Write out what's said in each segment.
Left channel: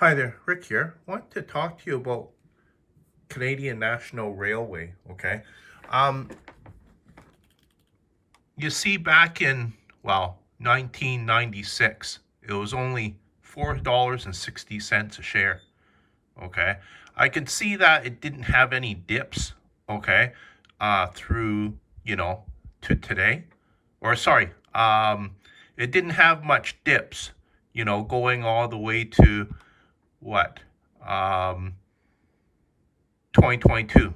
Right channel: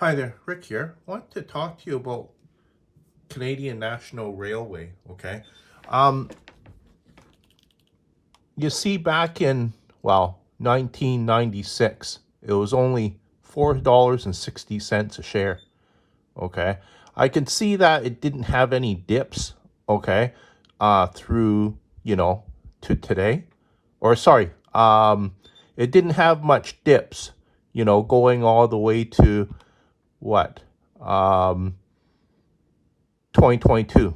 Hi there, Rick here. I want to talk to you about Canadian National Railway, okay? Um, you see, back in, 1996, it was only $4.60 a share, okay? I can see that it didn't have any dips, okay, through, you know, to today. Or sorry, it didn't have much dips, going all the way to what? Um, 2022.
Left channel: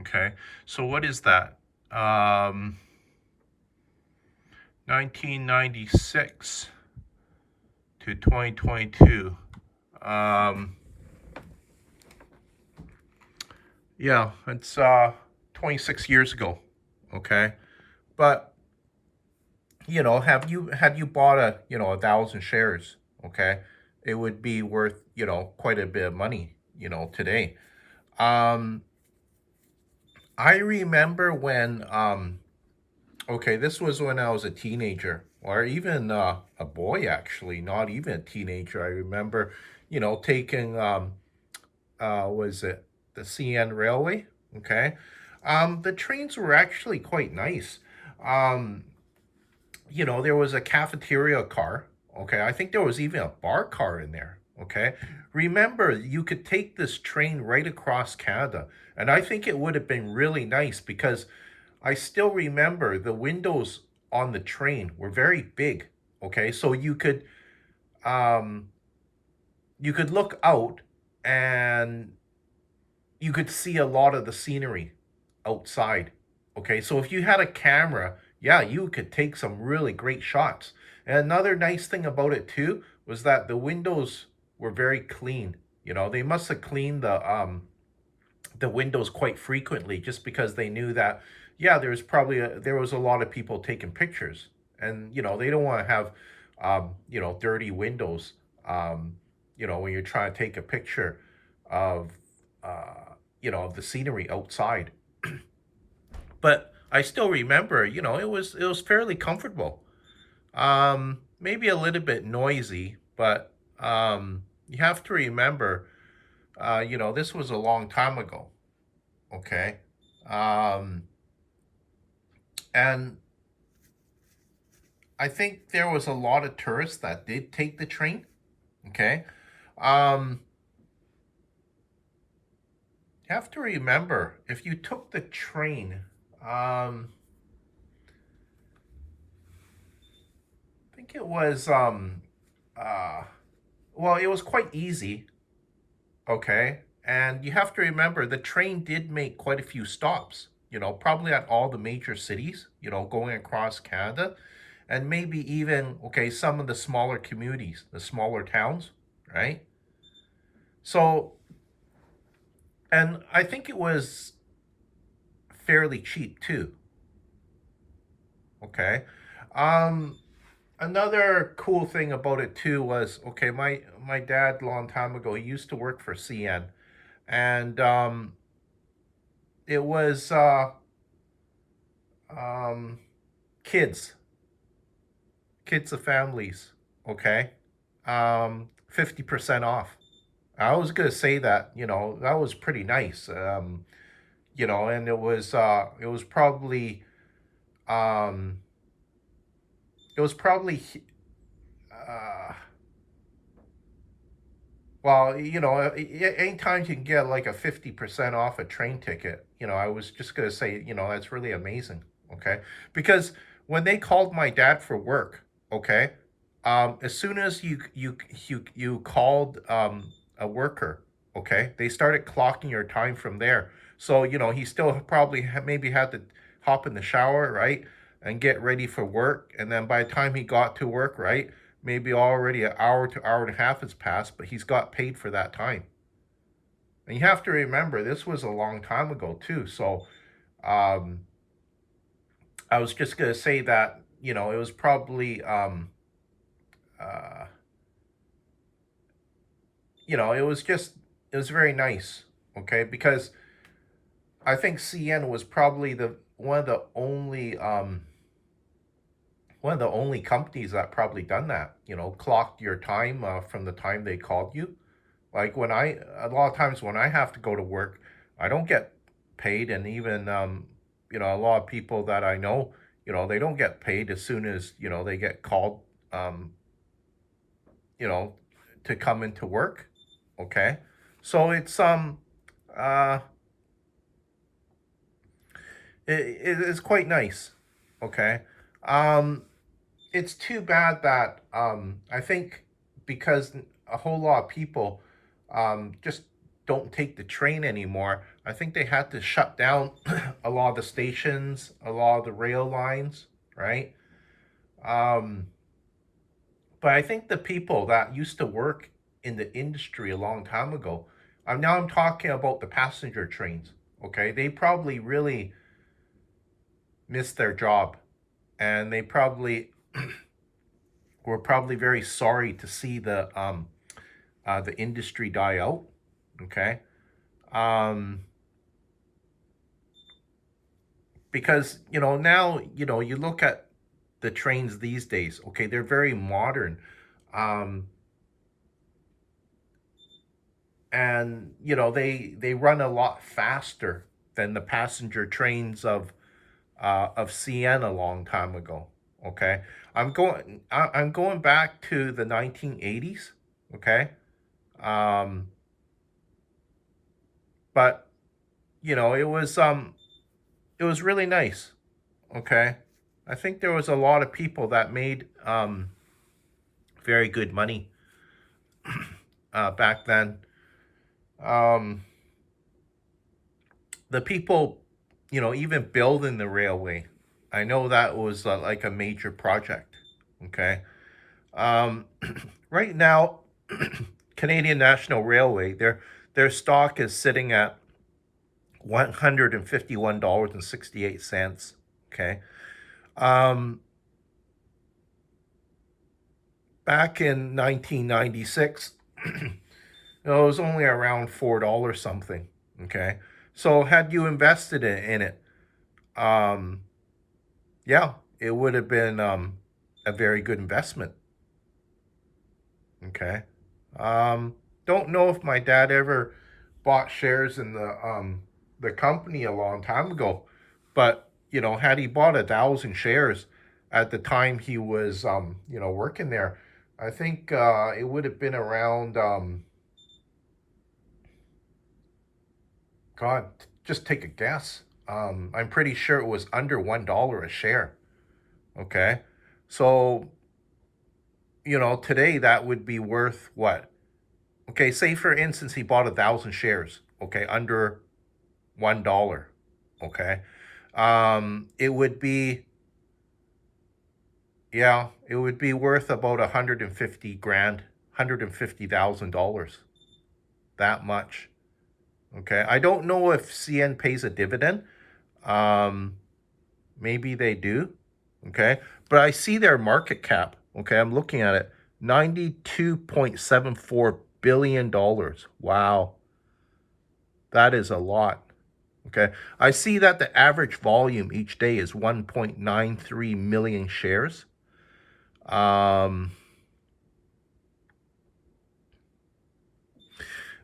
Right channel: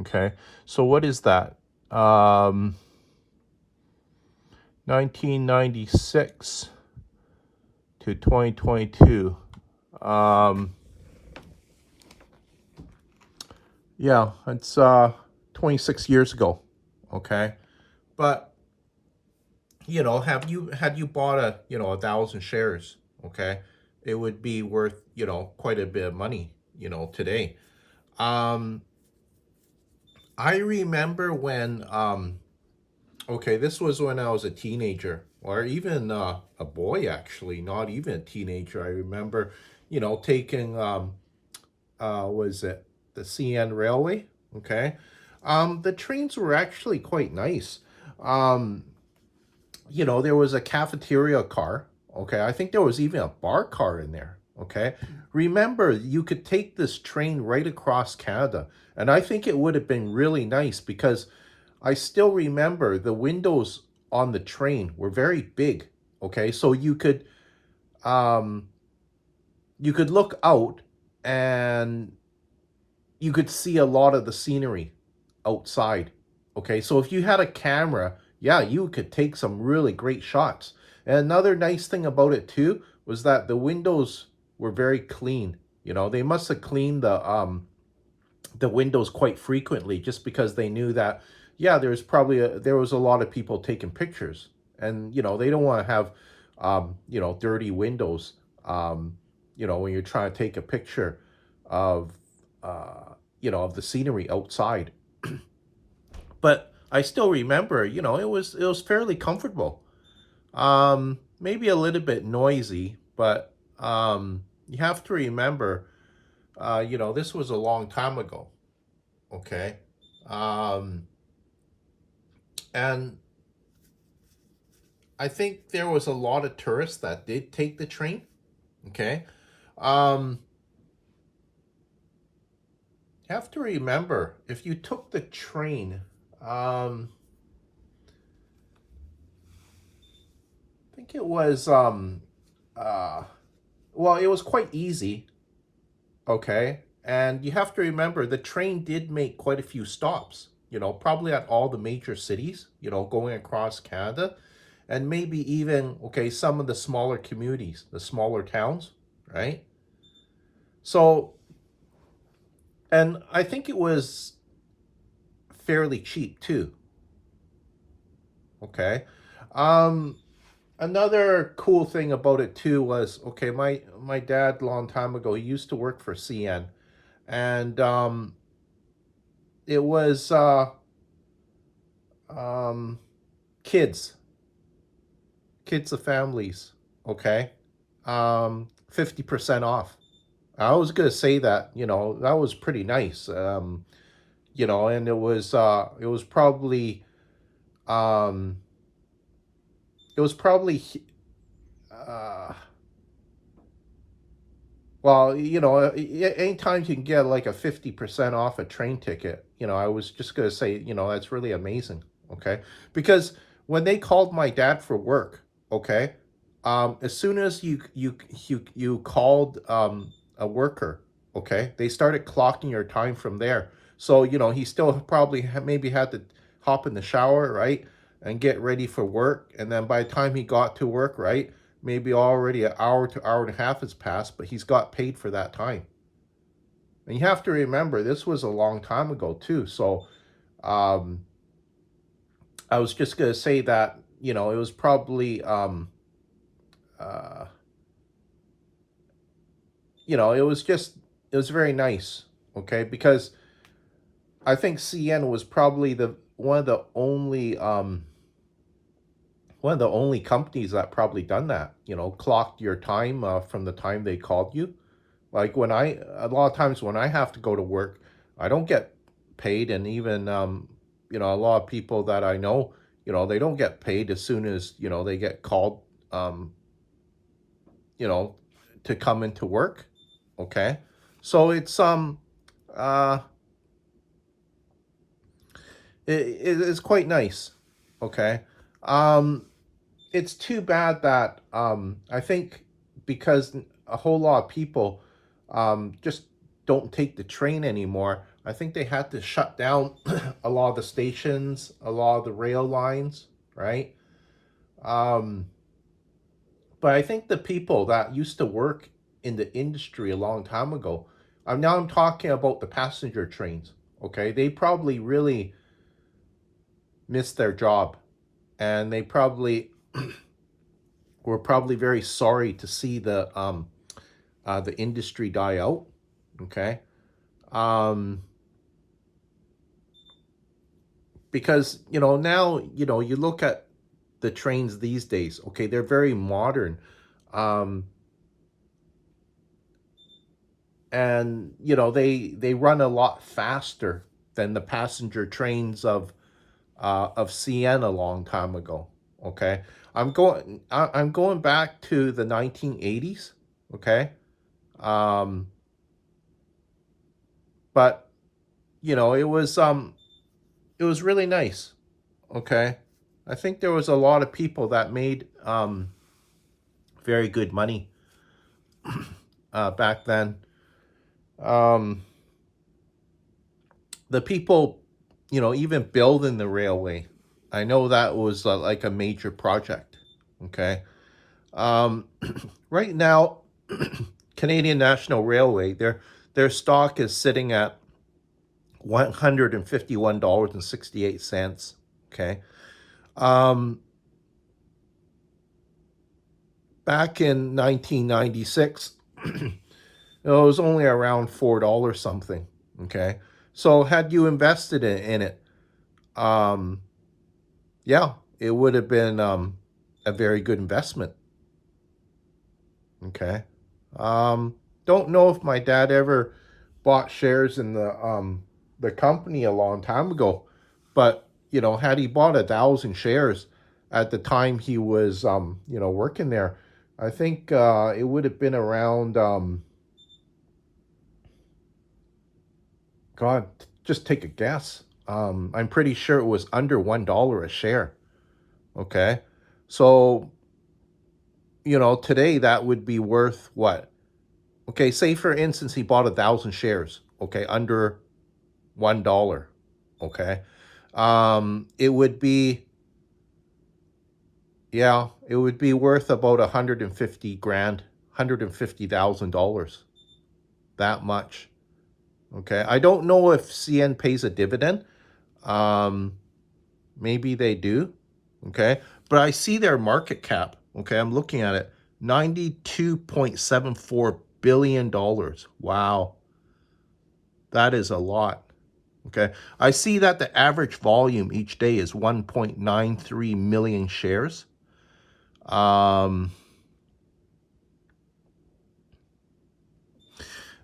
Okay. So what is that? Um, 1996 to 2022. Um, yeah, it's 26 years ago. Okay. But, have you had you bought a thousand shares, okay, it would be worth, quite a bit of money, today. Um, I remember when okay, this was when I was a teenager, or even a boy, actually, not even a teenager. I remember, taking was it the CN Railway? Okay, the trains were actually quite nice. Um, there was a cafeteria car. Okay, I think there was even a bar car in there. Okay, remember you could take this train right across Canada, and I think it would have been really nice because I still remember the windows on the train were very big. Okay, so um you could look out and you could see a lot of the scenery outside. Okay, so if you had a camera, yeah, you could take some really great shots. And another nice thing about it too was that the windows were very clean. They must have cleaned the windows quite frequently just because they knew that, yeah, there was a lot of people taking pictures, and they don't want to have dirty windows, um, when you're trying to take a picture of of the scenery outside. But I still remember, it was fairly comfortable. Maybe a little bit noisy, but you have to remember, this was a long time ago. Okay. Um, and I think there was a lot of tourists that did take the train. Okay. Um, you have to remember, if you took the train, I think it was, uh, well, it was quite easy. Okay. And you have to remember, the train did make quite a few stops, probably at all the major cities, going across Canada, and maybe even, okay, some of the smaller communities, the smaller towns, right? So, and I think it was fairly cheap too. Okay. Um, Another cool thing about it too was, okay, my dad, long time ago, he used to work for CN, and it was um, kids, kids of families. Okay, 50% off. I was gonna say that, that was pretty nice. And it was probably um, it was probably uh, well, anytime you can get like a 50% off a train ticket, I was just gonna say, that's really amazing. Okay, because when they called my dad for work, okay, as soon as you called a worker, okay, they started clocking your time from there. So he still probably maybe had to hop in the shower, right, and get ready for work, and then by the time he got to work, right, maybe already an hour to hour and a half has passed, but he's got paid for that time. And you have to remember, this was a long time ago too. So um, I was just gonna say that, it was probably uh, it was very nice. Okay, because I think CN was probably the one of the only one of the only companies that probably done that, clocked your time from the time they called you. Like a lot of times when I have to go to work, I don't get paid. And even, a lot of people that I know, they don't get paid as soon as, they get called, um, you know, to come into work. Okay. So uh, it's quite nice. Okay. Um, it's too bad that I think because a whole lot of people just don't take the train anymore. I think they had to shut down a lot of the stations, a lot of the rail lines, right? Um, but I think the people that used to work in the industry a long time ago, now I'm talking about the passenger trains. Okay, they probably really missed their job, and they probably were probably very sorry to see the industry die out. Okay, um, because now you look at the trains these days. Okay, they're very modern, um, and they run a lot faster than the passenger trains of CN a long time ago. Okay, I'm going back to the 1980s. Okay, um, but it was really nice. Okay, I think there was a lot of people that made very good money back then. Um, the people, even building the railway, I know that was like a major project. Okay, um, right now, Canadian National Railway, their stock is sitting at $151.68. Okay. Um, Back in 1996, it was only around $4 something. Okay. So had you invested in it, um, yeah, it would have been a very good investment. Okay. Um, don't know if my dad ever bought shares in the company a long time ago, but had he bought 1,000 shares at the time he was working there, I think it would have been around God, just take a guess. I'm pretty sure it was under $1 a share. Okay, so today that would be worth what? Okay, say for instance he bought 1,000 shares. Okay, under $1. Okay, it would be, yeah, it would be worth about 150 grand, $150,000. That much. Okay, I don't know if CN pays a dividend. Um, Maybe they do. Okay, but I see their market cap. Okay, I'm looking at it. $92.74 billion. Wow, that is a lot. Okay. I see that the average volume each day is 1.93 million shares. Um,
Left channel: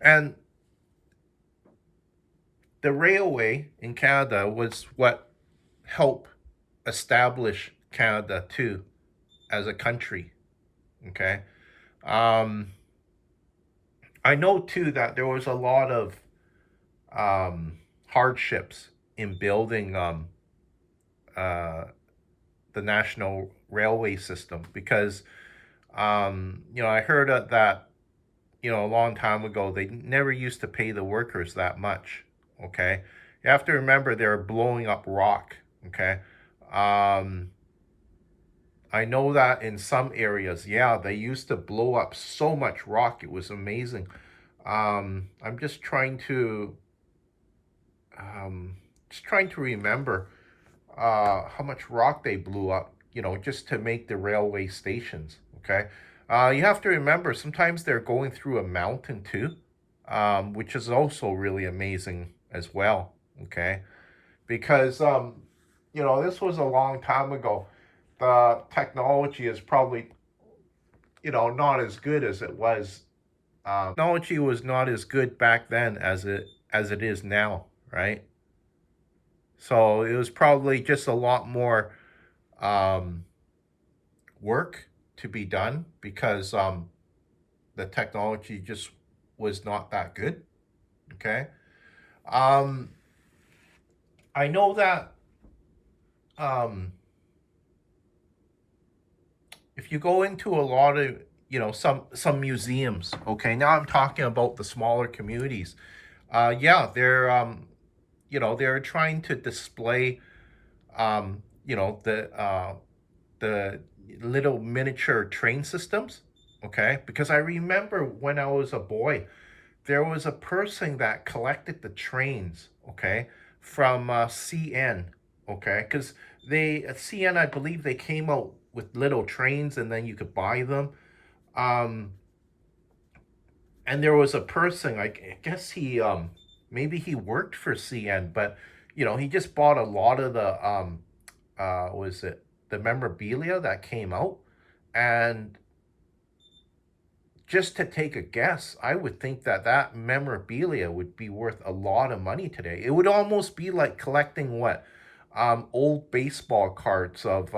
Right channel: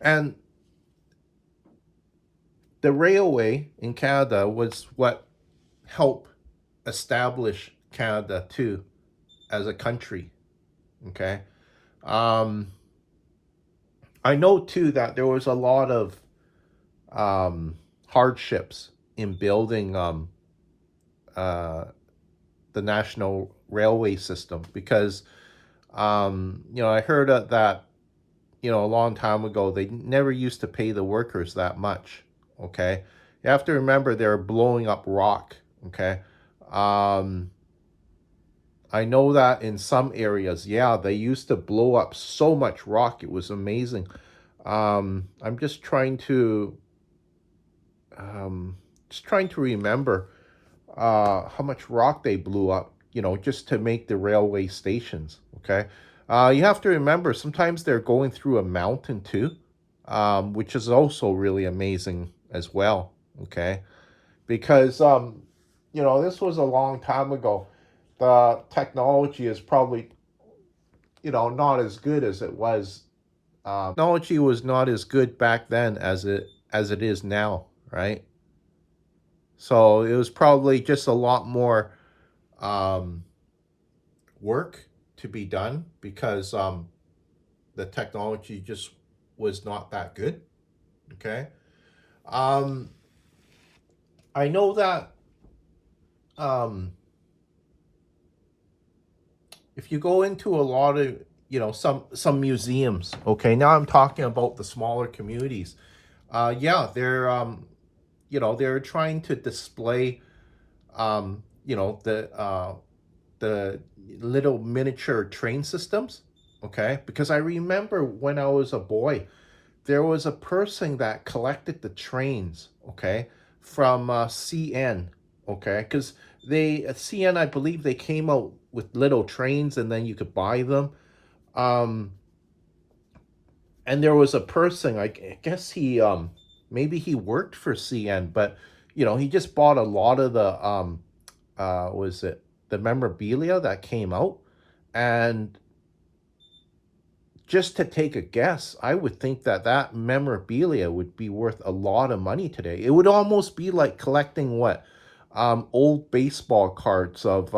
and the railway in Canada was what helped establish Canada too as a country. Okay. Um, I know too that there was a lot of um, hardships in building uh, the national railway system because I heard that a long time ago, they never used to pay the workers that much. Okay. You have to remember they're blowing up rock. Okay. Um, I know that in some areas, yeah, they used to blow up so much rock. It was amazing. I'm um, just trying to remember how much rock they blew up, just to make the railway stations. Okay. You have to remember sometimes they're going through a mountain too, which is also really amazing as well. Okay. Because, this was a long time ago. the technology is probably, not as good as it was. Technology was not as good back then as it is now, right? So it was probably just a lot more um, work to be done because the technology just was not that good. Okay. Um, I know that um, if you go into a lot of some museums, okay, now I'm talking about the smaller communities. Yeah, they're trying to display the little miniature train systems, okay, because I remember when I was a boy, there was a person that collected the trains, okay, from CN, okay, because they at CN, I believe they came out with little trains and then you could buy them. Um, and there was a person, I guess maybe he worked for CN, but he just bought a lot of the was it the memorabilia that came out, and just to take a guess, I would think that that memorabilia would be worth a lot of money today. It would almost be like collecting what old baseball cards of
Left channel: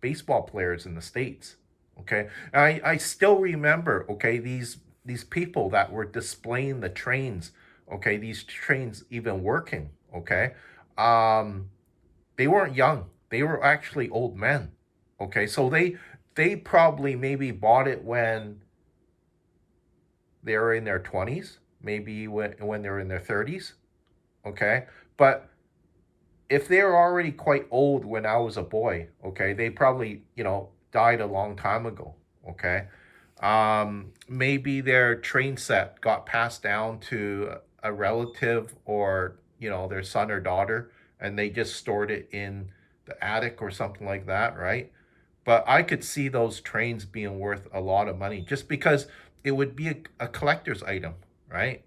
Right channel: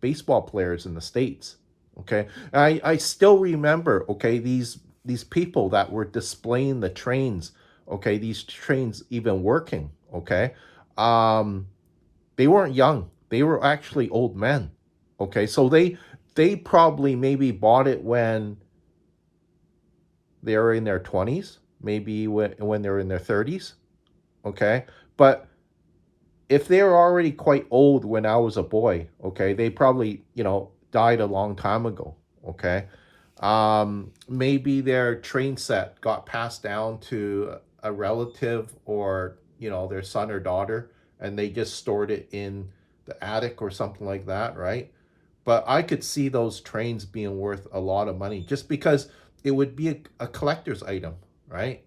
baseball players in the states. Okay, and I still remember. Okay, these people that were displaying the trains. Okay, these trains even working. Okay, um, they weren't young. They were actually old men. Okay, so they probably maybe bought it when they're in their 20s, maybe when they're in their 30s, okay? But if they're already quite old when I was a boy, okay, they probably, died a long time ago, okay? Maybe their train set got passed down to a relative or, their son or daughter, and they just stored it in the attic or something like that, right? But I could see those trains being worth a lot of money just because it would be a collector's item, right?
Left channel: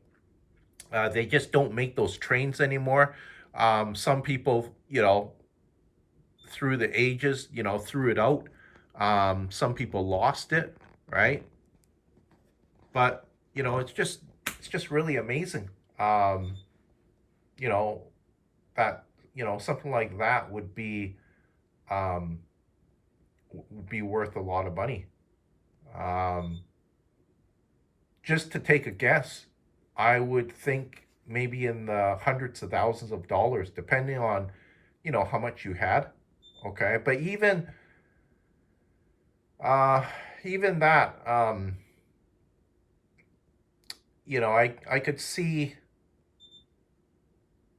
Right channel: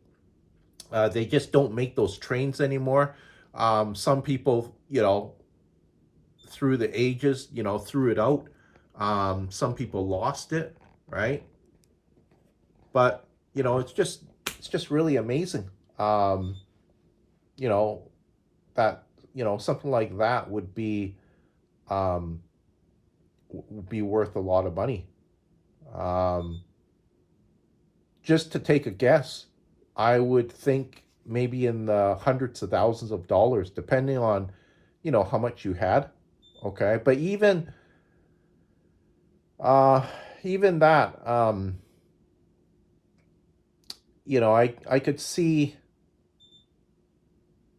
They just don't make those trains anymore. Some people, through the ages, threw it out. Some people lost it, right? But it's just really amazing. Um, you know that something like that um, would be worth a lot of money. Um, just to take a guess, I would think maybe in the hundreds of thousands of dollars, depending on, how much you had. Okay, but uh, even that, I could see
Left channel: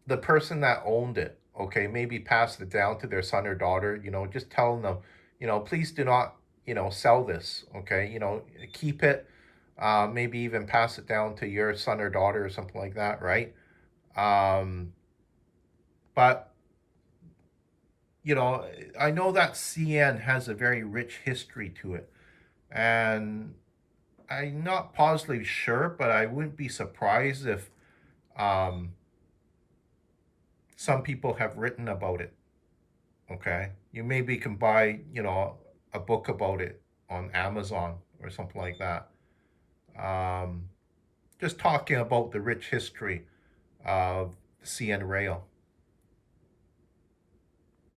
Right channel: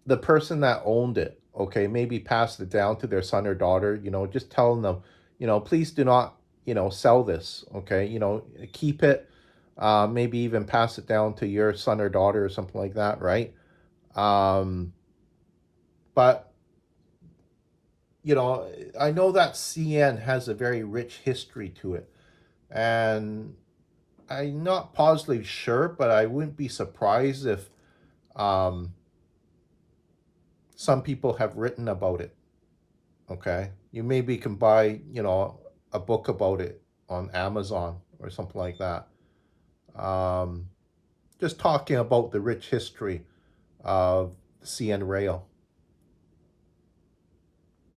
the person that owned it. Okay, maybe passed it down to their son or daughter. Just telling them, please do not, sell this. Okay, keep it. Maybe even pass it down to your son or daughter or something like that, right? Um, but you know, I know that CN has a very rich history to it, and I'm not positively sure, but I wouldn't be surprised if um, some people have written about it. Okay, you maybe can buy, a book about it on Amazon or something like that. Um, just talking about the rich history of CN Rail.